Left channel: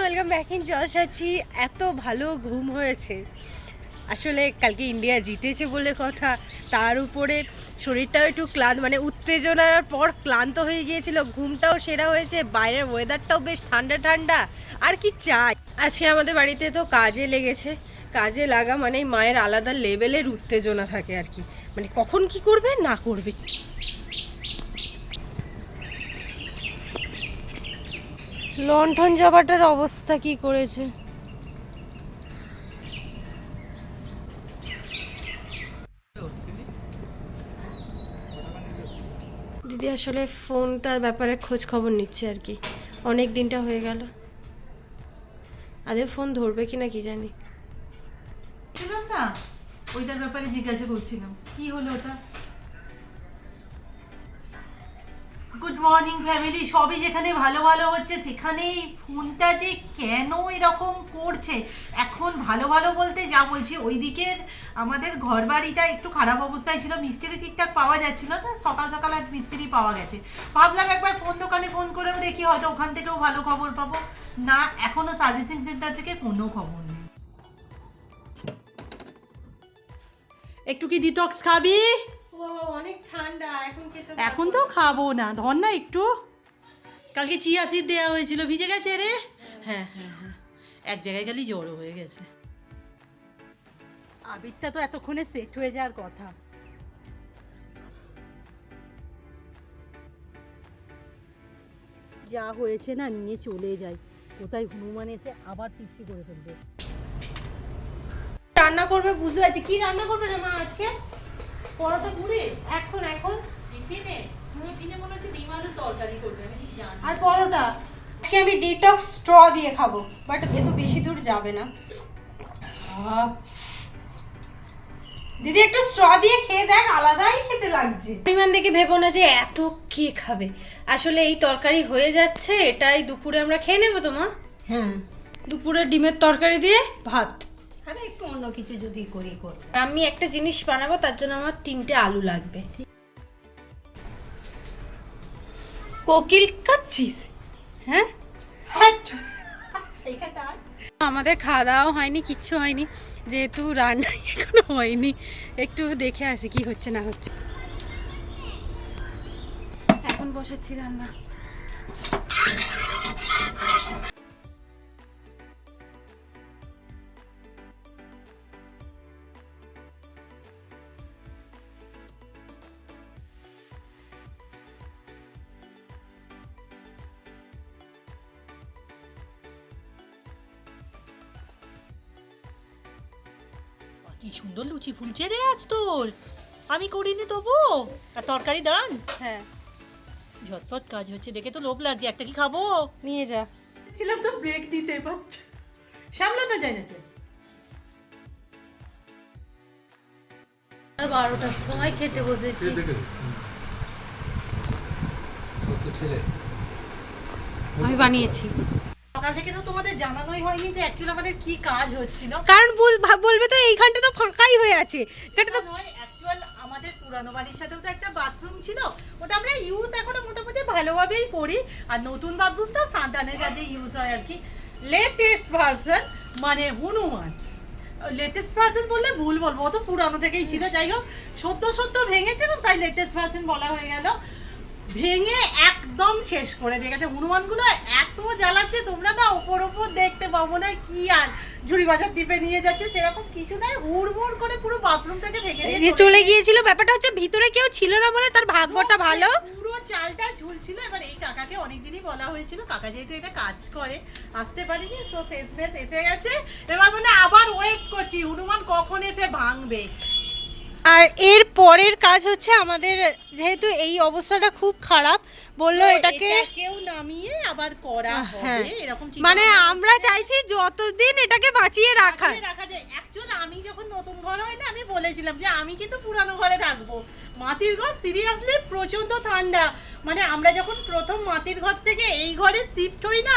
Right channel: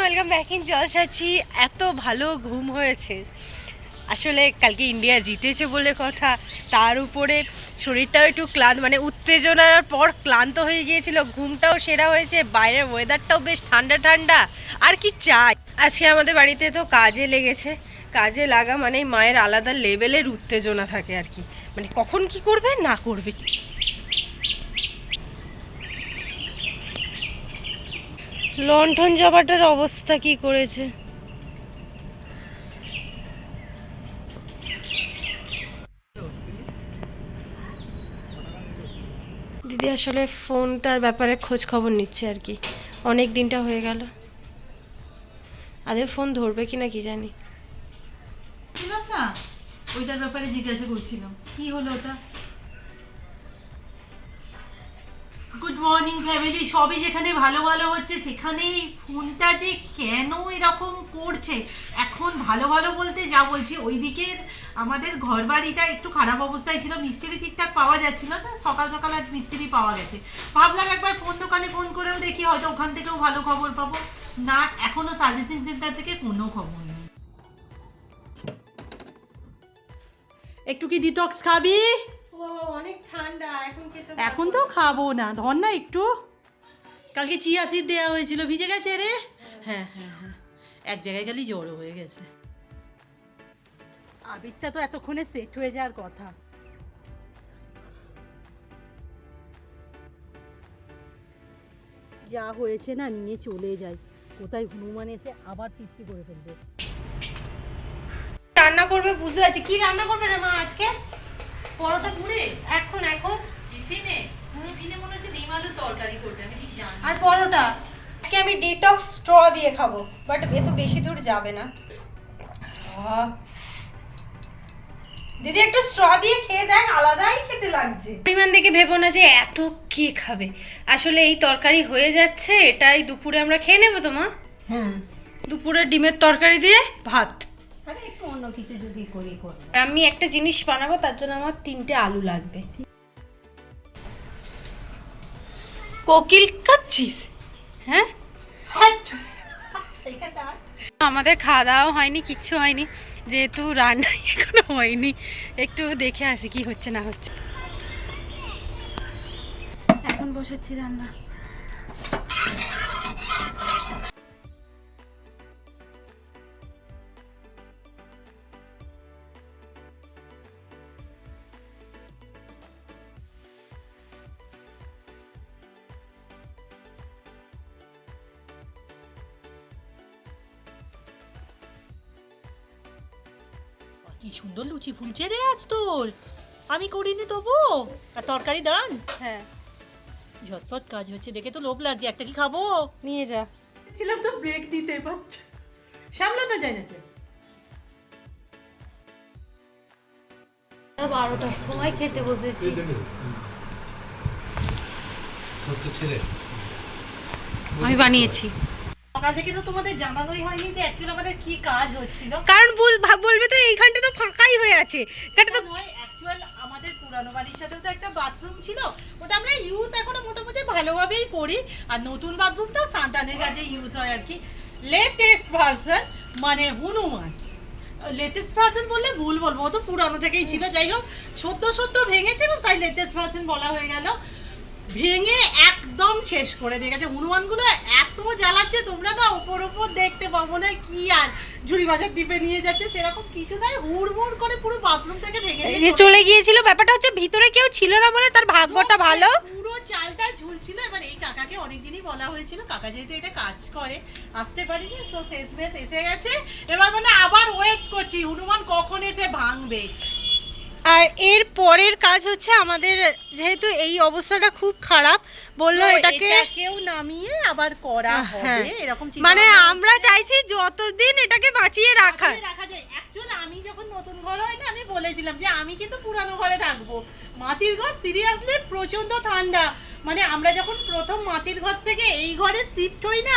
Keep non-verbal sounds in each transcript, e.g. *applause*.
Welcome back in জলসাচ্ছি এত ভালো ঘুম হয়েছে। আসলে কালকে ইন্ডিয়া জিতেছে বলে কথা। তার উপরে শরীরটাও একটু ক্লান্ত মানে উত্তেজনার পর ক্লান্ত হয়ে গিয়েছিল। ঘুমটাও সেরা হয়েছে, বাইরের ওয়েদারটাও বেশ ঠান্ডা ঠান্ডা। আর কি চাই? আজকে আমাদের বাড়িতে তো কাজে লেগেছে। কাজে লাগা মানে মায়ের আলাদা লেভেলের উত্তেজনা থাকে আর কি। মানে কখন কি করবে? না করবে। লণ্ঠন জবাটার অবস্থা কি করেছে? দিদি আসলে ফোনটার ব্যাপারে খোঁজ খবর নিচ্ছে আর কি। অনেক দিনটা হয়ে গেল। আদের ফোন ধরবে কি না কি জানি। না ওইটার ব্যাপারে জিজ্ঞাসা করছিলাম। কি হলো ওটা? গুড মর্নিং ফ্যামিলি সবই যেখানে ভালো ভালো হচ্ছে, সেখানেই ফোনটা যে কেন এরকম করছে, এখন ভালো ভালো বলতে যা বলছি ওই দিকের আমাদের ঘর বাড়িটা একটু খারাপ অবস্থায় ছিল, মিস্ত্রি ঠিকঠাক পাওয়া যাচ্ছিল না, সকাল সকাল আজ মিস্ত্রি পাওয়া গেছে। ভাবলাম একবার ফোন দোকানে ফোন করেও দেখি, হয়তো ওখান থেকেও ভালো খবর পাবো। না এখনও সার্ভিসিং সেন্টার থেকে কোনো খবর নেই। একটু কি ডিটক্স খাবি? অনেক ঠান্ডা এখন খেতে এখন তো খাব না ধর না একটু। কালকে চিয়া সিড দেওয়া হয়েছিল ভিজে গেছে রে। হ্যাঁ হ্যাঁ হ্যাঁ। এক জায়গায় খালি জড়ো হয়ে গেছে। আবিরটা তো এতক্ষণে সেট হয়ে যাওয়ার কথা। যা হয়েছে না নিয়ে চলে যাই। কোথায় হনুমান এসে আবার তৃপ্তি করে ফেলবে। রান্না করবে বুঝতে পারছি। কি রান্না করবে না মা আজকে? পরোটা ঘুরে এখন এখন? টিফিনে? টিফিনে মনে হচ্ছে ডিম আলুর তরকারি করবে আমি ঠিক জানি আর পরোটা? আজকে আমি ডিটক্স স্ট্র দিয়ে খাব বাট এ তো বেশি দূর যাবে না। দিদি একটু স্ট্র দিয়ে খেয়ে দেখ আলাদাই খেতে লাগছে। পরিমাণ দেখে ভেবো না যে এত কে খাবে। আসলে এই তরকারি হয়ে যাচ্ছে এটাই দুপুরে আমরা খেয়ে নেব তো মা? হ্যাঁ। দুপুরে ডিমের তরকারি দিয়ে ভাত। আরে একটু অন্য কিছু যদি করি, করব। আমি একটা জিনিস বানাবো, তার জন্য আমার তিনটে আলু লাগবে। কোকিল কাচ্ছিস হ্যাঁ। আমাদের খাওয়া দাওয়া হয়নি, কিচ্ছু হয়নি, যেহেতু রান্না *laughs* এখনও হয়নি। একটু দেখে আসি কি হচ্ছে, না হচ্ছে। এখন বসেছি রান্না। কি সুন্দর লুচি ফুলছে রে আজ তোর। আমি করিনি তবু। আর তরকারি দান। হ্যাঁ। ঝটপট কাজ হচ্ছে দেখে তো লোভ লাগছে একটা কি খাব? নিয়ে যা। ছিলাম তো ব্রেক দিতে পারছ সামলানো যায় না বারোটার সময় খেতে বসেছি। আমি বানিয়েছি। সকাল থেকে তো তোমাদের জানানোই হয়নি যে অ্যাকচুয়ালি আমাদের কি কাজ হচ্ছিল। কারণ বল- বলবে তো এইখানটা তো ফাঁকাই হয়ে আছে। এটা তো অ্যাকচুয়াল আমাদের পুরানো বাড়ির সাথেও তো একটা বাথরুম ছিল। ওটা আমরা ইউজ এখনও মোটামুটি ভালোভাবেই করি। আর নতুন বাথরুমটা সান্তানের কাজে ইউজ হয় আর কি। লেটেস্ট ভার্সন মানে হনুমান। লেটেস্ট ভার্সন বললে ভুল বলব ও তো পুরানো থেকেই ছিল। যাই হোক সদ্য সদ্য ভেঙেছে তো তাই লেটেস্ট ভার্সন বলা হয়ে গেল। ভেঙে একদম শেষ করে দিয়ে গেছে। হনুমানগুলো এত জ্বালাচ্ছে তোমরা তো ওপর ওপর দেখতে পাবো না কি আর ঝুড়ি বাজার দ্বীপে নিয়ে যাচ্ছে সেরকম কিছু নয় হুড়মুড় করে পুরো বাথরুম থেকে ভেঙে দিয়ে চলে গিয়েছিল ব্যাপারটা হচ্ছে ভিতরে কেউ ছিল না বলে তার ভাগ্যটা ভালো। পুরো চালটা ঝুলছিল এবার এই কাকাকে অনেকদিনই বলা হয়েছিল কাকা যেহেতু এটা কাজ করে আসতে পারিনি তো শেষমেশ এসে গেছে। এবার মানে আবার ওয়েট করছি হনুমান কখন এসে ভাঙবে? আর এর পরের কাজ হচ্ছে আমাদের যেহেতু এই অবস্থাটা খুব খারাপ বলল এটাকে কেউ নামিয়ে আবার করা হ্যাঁ। হবে এরকম মানে আমরা চাইছি যতদিন এটাকে বাঁচিয়ে রাখা রাখা যায়। অ্যাকচুয়ালি আমি যখন নতুন ঘর হয় না আমি বলেছিলাম যে আমি কিন্তু পুরানো ঘরে থাকব। মাটির ঘর সিরিয়াসলি প্রচণ্ড ঠান্ডা। মানে আমরা যখন প্রথম মাটির ঘর থেকে এই ঘরে শিফট হই না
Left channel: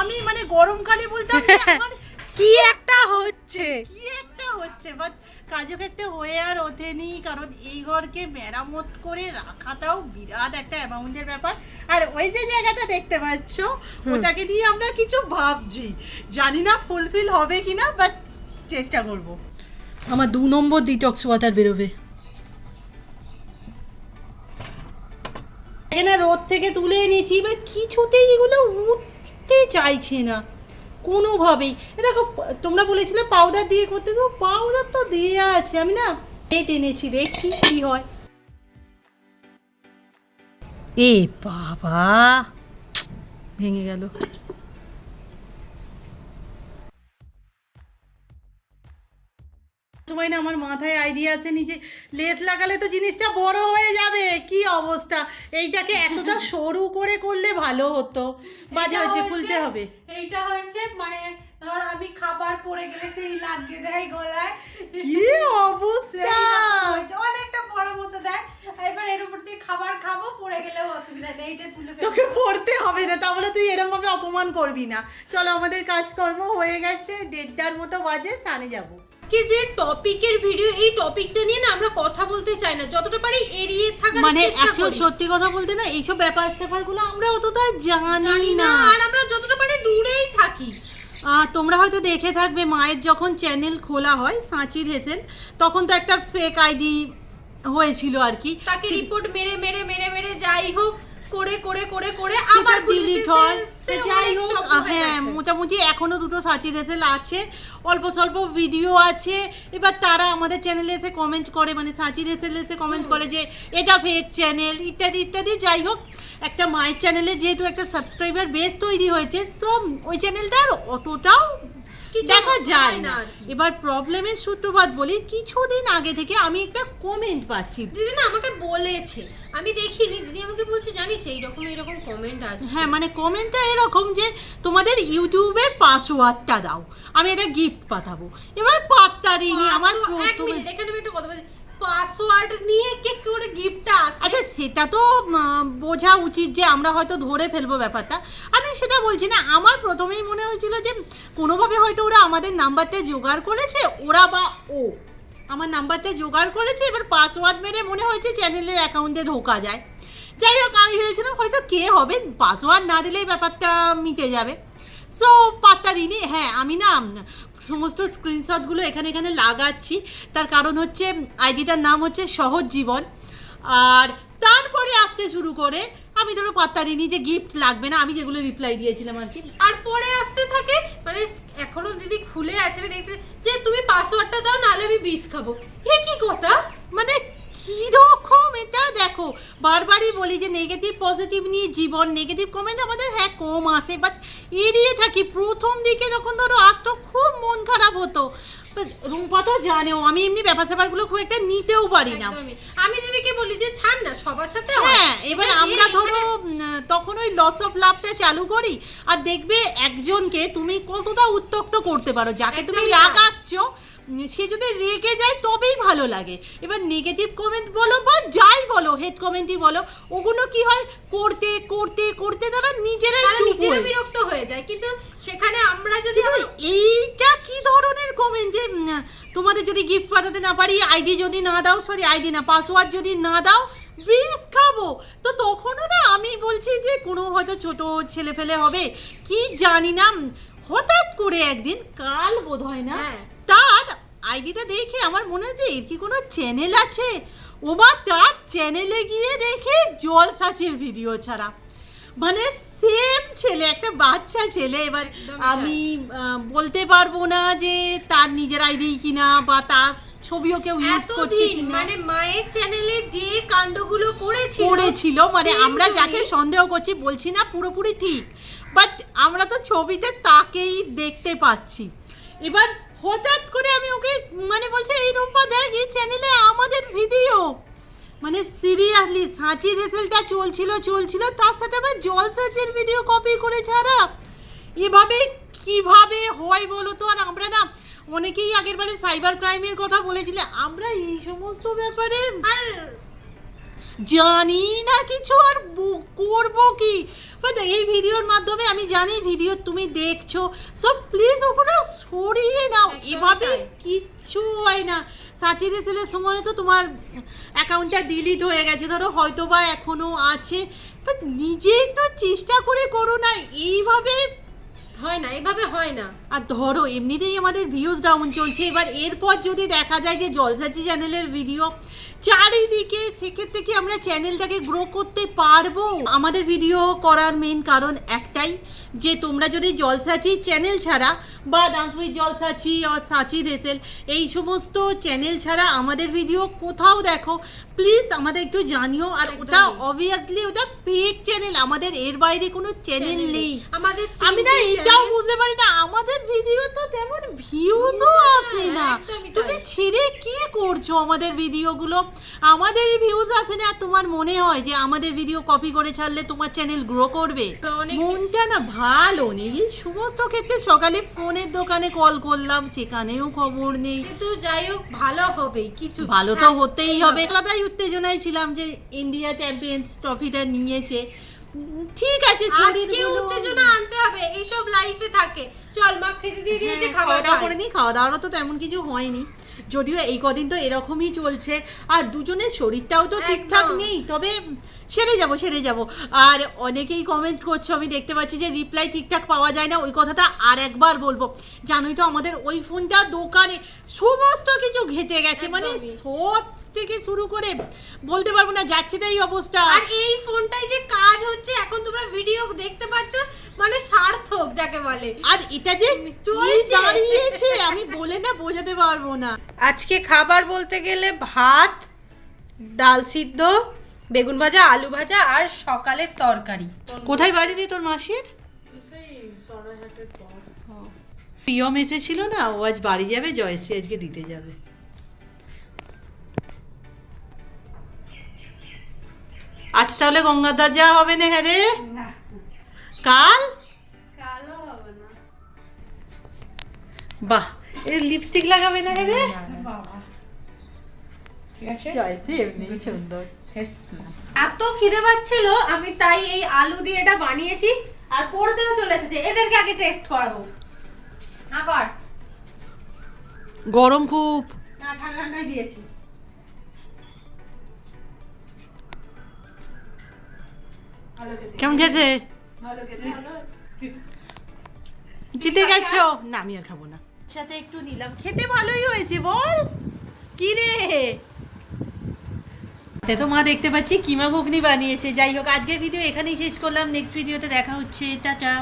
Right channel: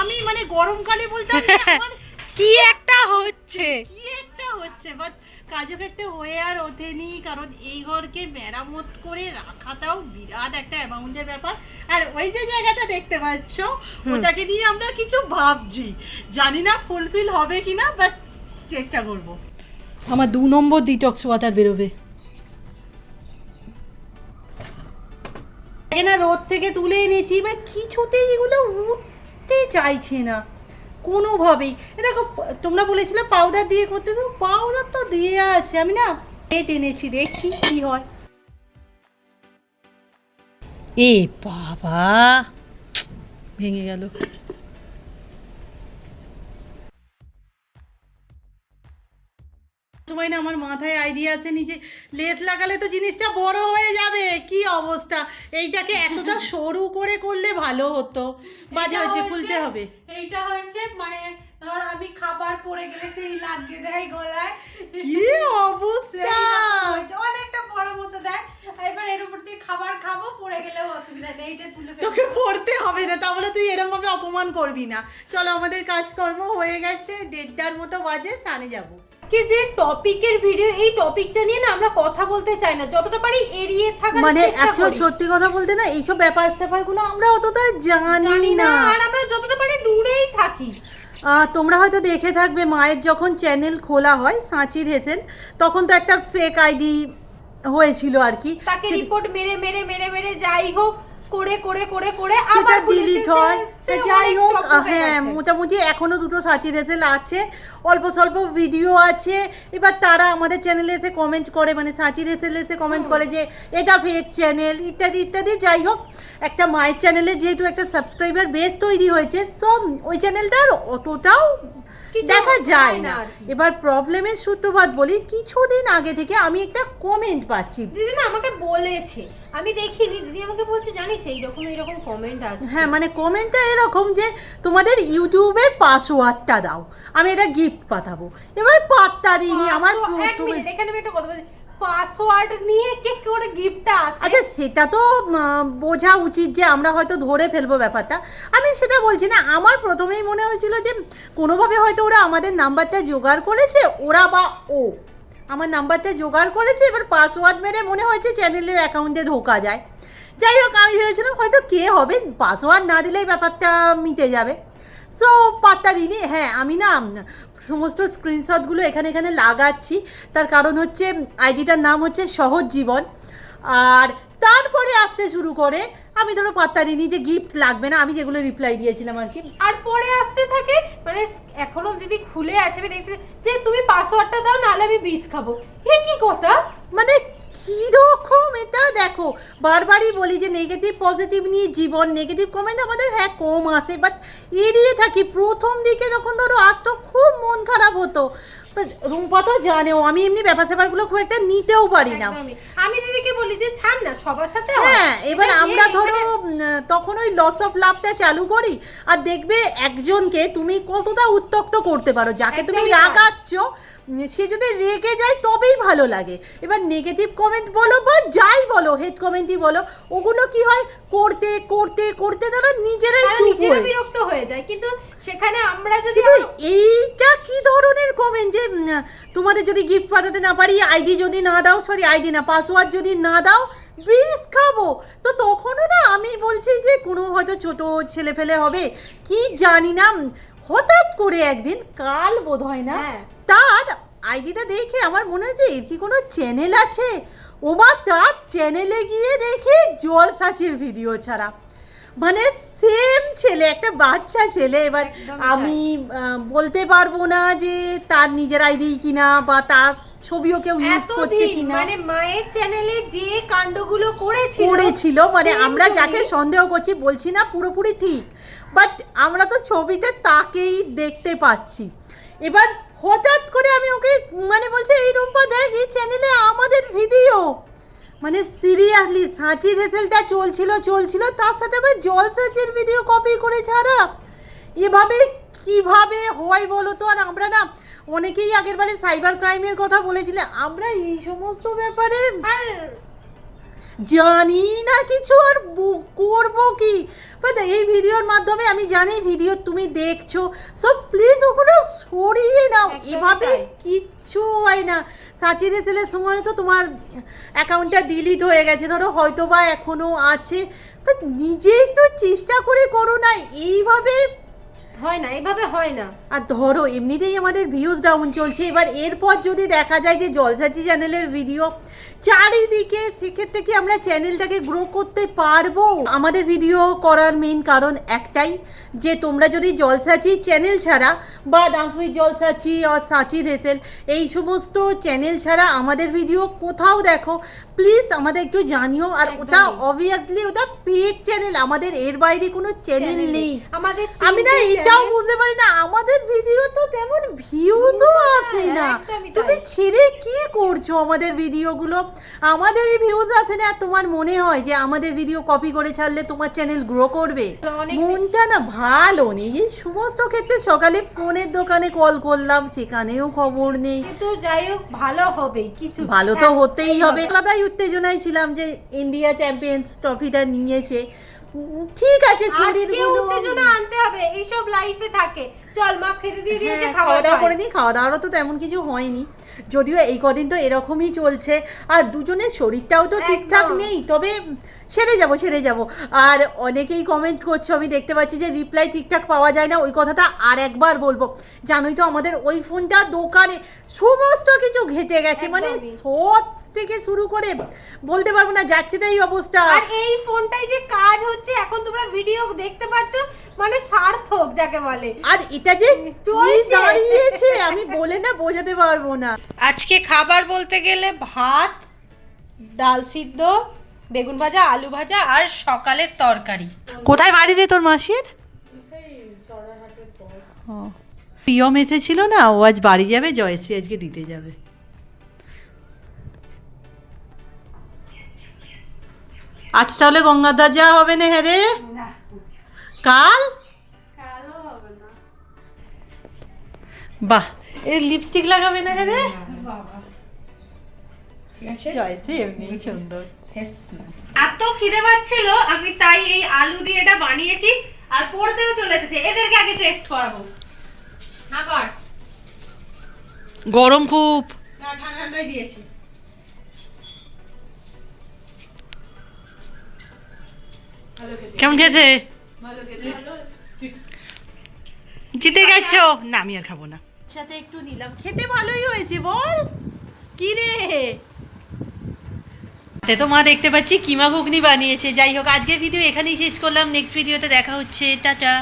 আমি মানে গরমকালে বলতাম *laughs* কি একটা হচ্ছে। কি একটা হচ্ছে? বাট কার্যক্ষেত্রে হয়ে আর ওঠেনি কারণ এই ঘরকে মেরামত করে রাখাটাও বিরাট একটা অ্যামাউন্টের ব্যাপার। আর ওই যে জায়গাটা দেখতে পাচ্ছ ওটাকে নিয়ে আমরা কিছু ভাবছি। জানি না ফুলফিল হবে কিনা বাট চেষ্টা করব। আমার দু নম্বর ডিটক্স ওয়াটার বেরোবে। এখানে রোদ থেকে তুলে এনেছি এবার কিছুতেই এগুলো উঠতে চাইছে না। কোনোভাবেই। দেখো, তোমরা বলেছিলে পাউডার দিয়ে করতে, তো পাউডার তো দিয়ে আছে, আমি না পেট এনেছি, দেখি কি হয়। এ বাবা, ভেঙে গেল। সময় না আমার মাথায় আইডিয়া আছে নিচে লেজ লাগালে তো জিনিসটা বড় হয়ে যাবে। কি অবস্থা? এইটাকে এতটা *laughs* সরু করে করলে ভালো হতো। বাজে হয়েছে খুলতে হবে। এইটা হয়েছে মানে ধর আমি খাবার পড়ে গেলে সেই লাগিয়ে দেয় গলায়। কি অবস্থা? *laughs* অনেকটা বড় মতো দেয়। এবার এর উপর দিয়ে খাবার খাব পড়ে গেলেও অসুবিধা নেই। এইটা তুলে তোকে পড়তে হবে না তাহলে তুই এরকম ভাবে অপমান করবি না। চলো আমাদের কাজকর্ম হয়ে গেছে দেড়টার মতো বাজে সানে যাব। আজকে যে টপিকের ভিডিও এই টপিকটা নিয়ে না আমরা কথা বলতে চাই না। যতটা পারি এড়িয়ে থাকার মানে অ্যাকচুয়াল সত্যি কথা বলতে না এইসব ব্যাপার স্যাপারগুলো আমরা অতটা জানি না। আর আমরা যতটা পারি দূরেই থাকি। তোমরা হয়তো দেখে থাকবে মায়ের যখন চ্যানেল খোলা হয় সাঁচি হেসেন তখন তো একটা ফেক আইডি হয়েছিল আর কি। তাকে রিপোর্ট মেরে মেরে মেরে মেরে যাই হোক করে করে করে করে আবার ডিলিট হয়। যাই হোক হ্যাঁ মোটামুটি এখনও দুটো সাচি রেসেল আছে অল্প স্বল্প ভিডিও আছে। এবার তারা আমাদের চ্যানেলে এসে কমেন্ট করে মানে সাচি রেসেল এসে কমেন্ট করে যে এটা ফেক চ্যানেল ইত্যাদি ইত্যাদি। যাই হোক একটা মায়ের চ্যানেলে যেহেতু একটা সাবস্ক্রাইবার বেস তৈরি হয়েছে সো ওই চ্যানেলটা আর অতটাও দেখা যায় না। এবার প্রবলেমের সূত্রপাত বলি কিছুদিন আগে থেকে আমি একটা কমেন্ট পাচ্ছি। দিদি না আমাকে বলেছে। আমি দেখিনি দিদি আমাকে বলছে জানিস এই রকম কমেন্ট আসছে। হ্যাঁ মানে কমেন্টটা এরকম যে তোমাদের ইউটিউবের পাসওয়ার্ডটা দাও আমি এটা গিফট পাঠাবো। এবার পাত্তা দিইনি আমার এক মিনিট এখানে আমি একটা কথা বলছি। পাসওয়ার্ড নিয়ে কে করে গিফটটা আসে? আচ্ছা সেটা তো বোঝা উচিত যে আমরা হয়তো ধরে ফেলব ব্যাপারটা। আমি সেটা বলছি না, আমার প্রথমেই মনে হয়েছিল যে কোনোভাবে হয়তো ওরা আমাদের নাম্বারটা জোগাড় করেছে, ওরা বা ও। আমার নাম্বারটা জোগাড় করেছে, এবার পাসওয়ার্ড মেরে মনে হয়েছে চ্যানেলের অ্যাকাউন্টে ঢোকা যায়। যাই হোক, আমি ভেবেছিলাম হয়তো কে হবে, পাসওয়ার্ড না দিলেই ব্যাপারটা মিটে যাবে। সো পাত্তা দিইনি হ্যাঁ আমি না সমস্ত স্ক্রিনশটগুলো এখানে এখানে লাগাচ্ছি। তার কারণ হচ্ছে আইডিটার নাম হচ্ছে সহজ জীবন। আর তারপরে আসতে শুরু করে আমি ধরো পাত্তা দিইনি যে গিফট লাগবে না আমি যেগুলো রিপ্লাই দিয়েছিলাম আর কি। আর পরে আসতে থাকে মানে এখনও দিদি খুলে আছে আমি দেখছি যে তুমি পাসওয়ার্ডটা দাও নাহলে আমি বিষ খাব। হে কি কথা? মানে দেখো, বারবারই বলি যে নেগেটিভ পজিটিভ নিয়ে জীবন নেগেটিভ কমেন্ট আমাদের হ্যাঁ কম আসে বাট এড়িয়ে থাকি। প্রথম দিকে যখন ধরো আসতো, খুব মন খারাপ হতো। But রুম্পা তো জানেও আমি এমনি ব্যাপার স্যাপারগুলো খুব একটা নিতেও পারি না। একদমই। আমি দিদিকে বলি যে ছাড় না সবার সাথে হয়। হ্যাঁ এবার যে আমরা ধরো এখানে- উম, তখন ওই লস অফ লাভটা চালু করি আর দেখবে একজনকে তুমি কতটা উত্তক্ত করতে পারো যাকে তুমি একদমই তাই। রাগাচ্ছ উম, সে যদি রেগে যায় তবেই ভালো লাগে। এবার নেগেটিভ কমেন্ট বলো বা যাই বলো হেড কমেন্টই বলো ওগুলো কি হয়? করতে করতে করতে তারা নিজেরাই তারা চুপ নিজেরা হয়ে বিরক্ত হয়ে যায়। কিন্তু সেখানে আমরা যদি কিন্তু আমরা- এইটা কি ধরনের কমেন্ট যে তোমাদের যদি গিফট পাঠাতে না পারি আইডি যদি না দাও সরি আইডি না পাসওয়ার্ড যদি না দাও বিষ খাব। তো তখনও না আমি বলছি যে কোনো হয়তো ছোট ছেলে ফেলে হবে। কি জানি না হঠাৎ করে একদিন কাল বোধ হয় না হ্যাঁ। তার আইডিটা দেখে আমার মনে হয়েছে এর কি কোনো চ্যানেল আছে? ও বা তার চ্যানেলে গিয়ে দেখে জল সাচির ভিডিও ছাড়া। মানে সেম ছেলে একটা বাচ্চা ছেলে। এবার আমি বলতে পারব না যে তার নিজের আইডি কিনা বা তার ছবিও কেউ ইউজ করছে কিনা। মানে মায়ের চ্যানেলে যে কাণ্ডগুলো করেছিল করেছিল মানে আমরা যাকে সন্দেহ করছি বলছি না পুরোপুরি ঠিক। বাট আমরা তো ছবিতে তাকেই দেখতে পাচ্ছি। এবার হঠাৎ করে আমি ওকে মানে বলছি এই রূপা দেখ এই চ্যানেলে আমাদের ভিডিও মানে সিরিয়াসলি সাঁচি রেসেলটা চলছিল চলছিল, তার সাথে আবার জল সাঁচির ভিডিও কপি করে ছাড়া এভাবে কীভাবে হয় বলো তো? আর আমরা না, অনেকেই আগের বারে সাইবার ক্রাইমের কথা বলেছিলে। আমরা এই সমস্ত ব্যাপারে আর জানি না কিছু আর করব কি? এই ভিডিওর মাধ্যমে আমি জানি ভিডিও তুমি দেখছ সো প্লিজ ওগুলো সরিয়ে নাও। এভাবে। কিচ্ছু হয় না। সাচিরে ছেলের সময় তো তোমার অ্যাকাউন্টটা ডিলিট হয়ে গেছে ধরো হয়তো বা এখনও আছে বাট নিজে একটু চেষ্টা করে করো না। এইভাবে হয় না এভাবে হয় না। আর ধরো এমনিতেই আমাদের ভিউজ ডাউন চলছে। এবার এরপর যদি দেখা যায় যে জলসাচি চ্যানেলের ভিডিও চারিদিকে সেক্ষেত্রে কি আমরা চ্যানেলটাকে গ্রো করতে পারব? আমাদের ভিডিও করার মেন কারণ একটাই যে তোমরা যদি জলসাচি চ্যানেল ছাড়া বা ডান্স উইথ জলসাচি আর সাচি রেসেল এই সমস্ত চ্যানেল ছাড়া আমাদের ভিডিও কোথাও দেখো প্লিজ আমাদের একটু জানিও। আর ওটা অবভিয়াসলি ওটা পেড চ্যানেল আমাদের এর বাইরে কোনো চ্যানেল নেই। আমাদের আমি না তিনটে এটাও বুঝতে পারি না আমাদের ভিডিও তো তেমন ভিউজও আসে না। তুমি ছেড়ে কি করছ আমাদের ভিডিওগুলো আমাদের ভিউজ আসে না তোমার মনে হয় যে আমাদের ভিডিও কপি করে ছাড়লে তোমার চ্যানেল গ্রো করবে? মনটা না ভালো নেই। এই সমস্ত ক্ষেত্রে সকালে ফোনের দোকানে কল করলাম সেখানেও খবর নেই। কিন্তু যাই হোক ভালো হবেই কিছু ভালো তো হ্যাঁ, হতেই হবে। আলাদাই উত্তেজনায় ছিলাম যে ইন্ডিয়া চ্যাম্পিয়ন্স ট্রফিটা নিয়েছে। ঠিক আছে আজকে উত্তেজনা আনতে হবে এইসব লাইফে থাকে। চল মা খেতে দিয়ে দিয়েছে হ্যাঁ, খাওয়া দাওয়া করে নিই খাওয়া দাওয়ারও তো তেমন কিছু হয়নি। যদিও এই কদিন তো এরকমই চলছে আর দুজনের শরীরটাও তো ঠিকঠাক নেই তবে সেরে যাব সেরে যাব। আর অনেকেই কমেন্ট করছ আমি দেখতে পাচ্ছি যে রিপ্লাই ঠিকঠাক পাওয়া যায় না ওই কথাটা আর একবার বলব। জানোই তো আমাদের ওই ফোনটা দোকানে সমস্ত কিছু ঘেটে গেছে মানে। শর্টস থেকে শুরু করে বলতে পারব না যাচ্ছে তাই অবস্থা। আর এই ফোনটাই যে কাজ হচ্ছে এখন তোমরা ভিডিও দেখতে পাচ্ছ মানে সার্থক যাকে বলে। আর এটা যে চলছে। দাঁড়িয়েছে আমি বলে না বোঝাতে পারব না। আজকে খাবার বলতে গেলে ভাত ডাল সিদ্ধ বেগুন ভাজা আলু ভাজা আর সকালের তরকারি। কোথায় বাড়ি রে তোর মাসির? ও। প্রিয়ম এসেছিল না? ও আজ বাড়ি যাবে জয়শ্রী আজকে দিতে যাবে। আজ তাহলে গঙ্গাধার যাওয়া হবে না হ্যাঁ রে? কাল? বাহ এই লিপস্টিক লাগাবে না হ্যাঁ রে? জয়শ্রী এমনি সুন্দর। এত খিদে পাচ্ছিল আমি তাই এই আলু দিয়ে এটা বানিয়েছি আর পড়তেও চলে এসেছে। এদেরকে আগে টেস্ট করাবো। না কর। গরম খুব। না ঠান্ডাই দিয়েছি। কেমন খেতে? জিতে গেছো? না আমি আর খাব না। সাথে একটু নিলাম। খেতে ভালোই হয়েছে বল। কি রে তে তো মা দেখতে পাচ্ছি, কিমা ঘুগনি বানিয়েছে। যাই হোক, আজকের ভিডিও এখানেই শেষ করলাম। নেক্সট ভিডিওতে দেখা হচ্ছে। টাটা।